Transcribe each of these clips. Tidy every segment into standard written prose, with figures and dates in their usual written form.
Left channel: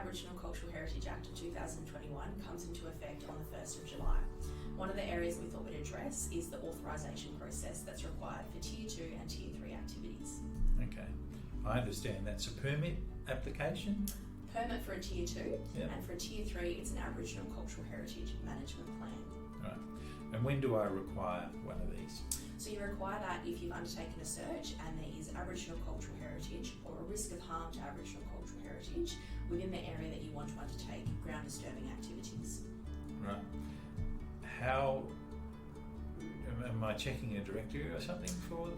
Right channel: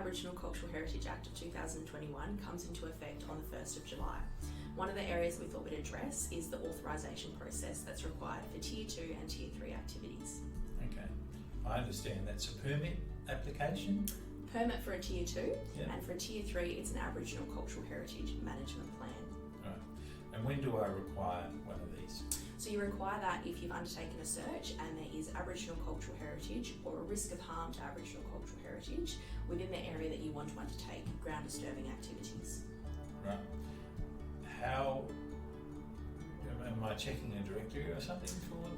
Aboriginal Cultural Heritage Act of 2021 comes into effect on the 1st of July. One of the areas we thought we'd address is the authorisation process that's required for Tier 2 and Tier 3 activities. Okay, I understand that's a permit application? Permit for a Tier 2, Yeah. and for a Tier 3 it's an Aboriginal Cultural Heritage Management Plan. Right, and when do I require one of these? So you require that if you've undertaken a search and there is Aboriginal cultural heritage or a risk of harm to Aboriginal cultural heritage within the area that you want to undertake ground disturbing activities. Right. How am I checking a directory or something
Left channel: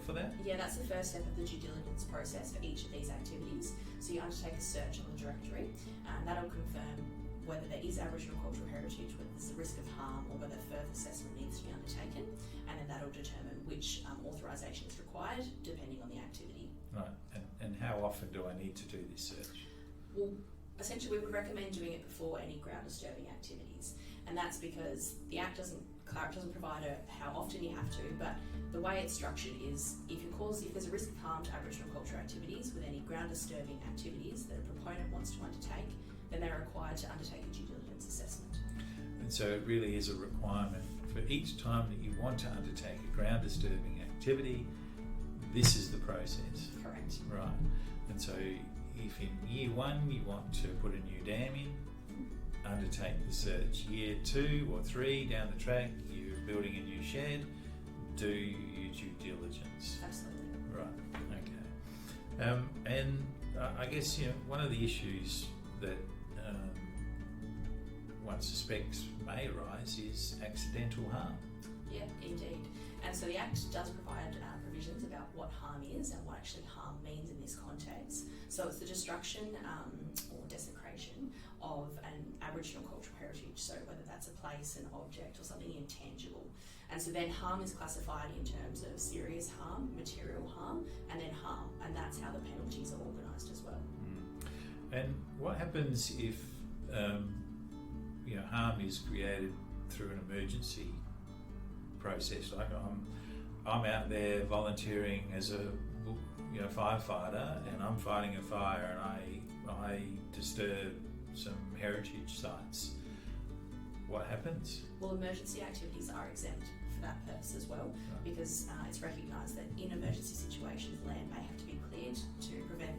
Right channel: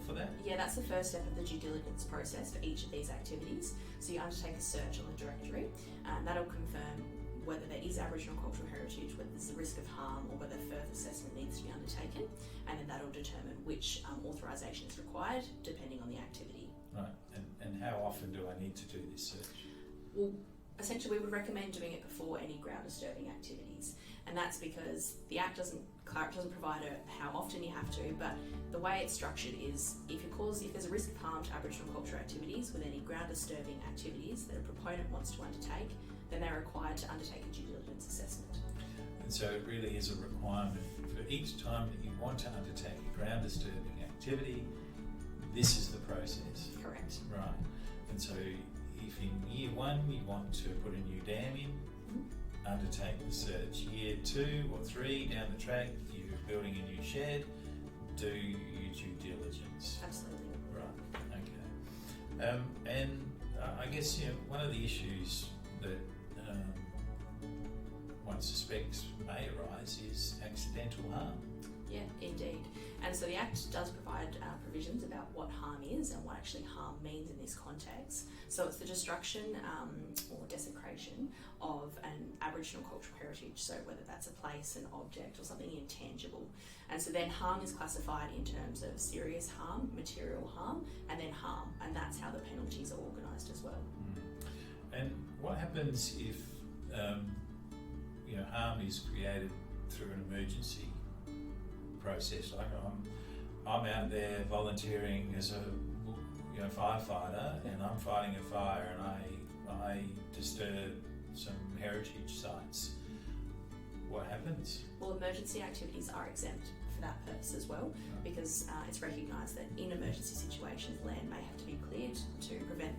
for that? Yeah, that's the first step of the due diligence process for each of these activities. So you undertake a search on the directory, and that'll confirm whether there is Aboriginal cultural heritage, whether there's a risk of harm, or whether further assessment needs to be undertaken, and then that'll determine which authorisation is required depending on the activity. Right, and how often do I need to do this search? Well, essentially we would recommend doing it before any ground disturbing activities, and that's because the Act doesn't provide how often you have to, but the way it's structured is if there's a risk of harm to Aboriginal cultural activities with any ground disturbing activities that a proponent wants to undertake, then they're required to undertake a due diligence assessment. And so it really is a requirement for each time that you want to undertake a ground disturbing activity, this is the process. Correct. Right, and so if in year 1 you want to put a new dam in, undertake the search. Year 2 or 3 down the track, you're building a new shed, do your due diligence. Absolutely. Right, okay. And I guess one of the issues that one suspects may arise is accidental harm. Yeah, indeed. And so the Act does provide provisions about what harm is and what actually harm means in this context. So it's the destruction or desecration of an Aboriginal cultural heritage, so whether that's a place, an object or something intangible. And so then harm is classified in terms of serious harm, material harm, and then harm, and that's how the penalties are organised as well. And what happens if harm is created through an emergency process? Like I'm out there volunteering as a firefighter, and I'm fighting a fire, and I disturb some heritage sites. What happens? Well, emergency activities are exempt for that purpose as well, because it's recognised that in emergency situations land may have to be cleared to prevent